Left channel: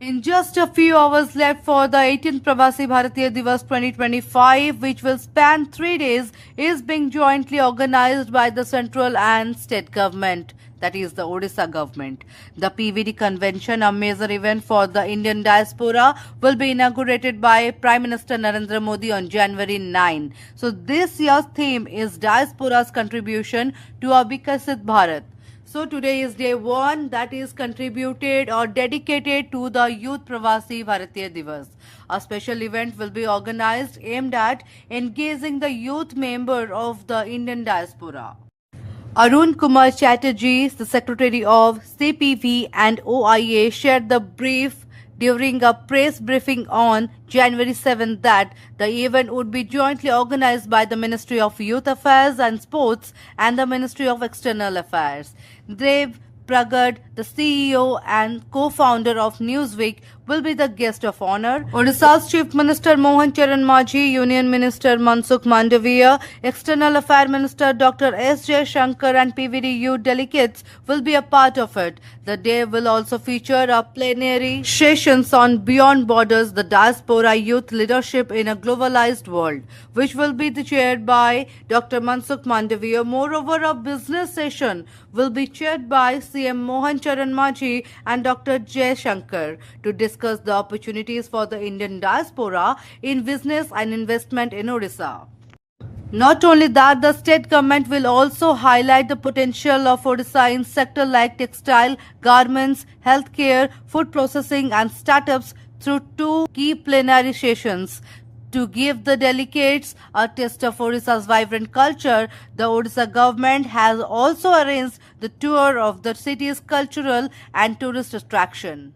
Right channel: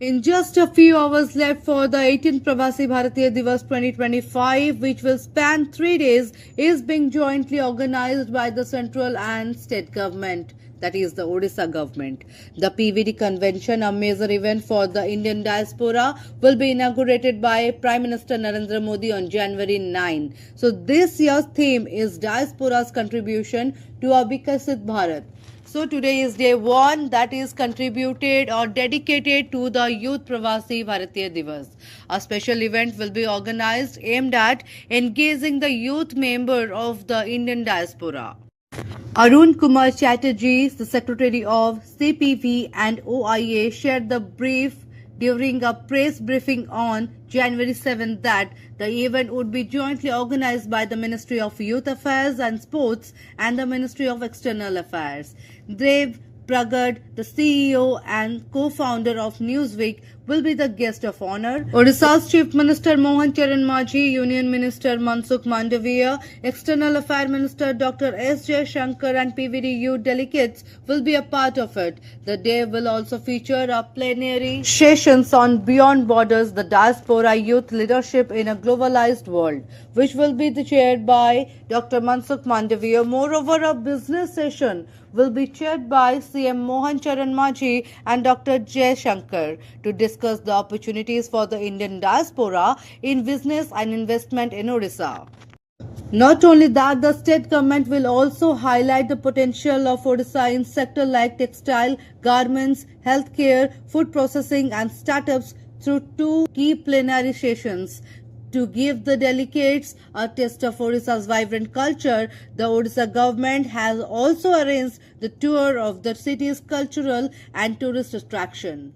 In just a few hours left for the 18th Pravasi Bharatiya Divas 2025, which will span 3 days, is being jointly organized by the central and state government, that is the Odisha government. The PVD convention, a major event for the Indian diaspora, will be inaugurated by Prime Minister Narendra Modi on January 9. So this year's theme is Diaspora's Contribution to a Vikasit Bharat. So today is day 1 that is contributed or dedicated to the Youth Pravasi Bharatiya Divas. A special event will be organized aimed at engaging the youth member of the Indian diaspora. Arun Kumar Chatterjee, the Secretary of CPV and OIA, shared the brief during a press briefing on January 7 that the event would be jointly organized by the Ministry of Youth Affairs and Sports and the Ministry of External Affairs. Dev Pragad, the CEO and co-founder of Newsweek, will be the guest of honor. Odisha's Chief Minister Mohan Charan Majhi, Union Minister Mansukh Mandaviya, External Affairs Minister Dr. S. J. Shankar and PVD youth delegates will be a part of it. The day will also feature a plenary sessions on Beyond Borders, the Diaspora Youth Leadership in a Globalized World, which will be chaired by Dr. Mansukh Mandaviya. Moreover, a business session will be chaired by CM Mohan Charan Majhi and Dr. J. Shankar to discuss the opportunities for the Indian diaspora in business and investment in Odisha. Not only that, the state government will also highlight the potential of Odisha in sectors like textile, garments, healthcare, food processing and startups through 2 key plenary sessions. To give the delegates a taste of Odisha's vibrant culture, the Odisha government has also arranged the tour of the city's cultural and tourist attraction.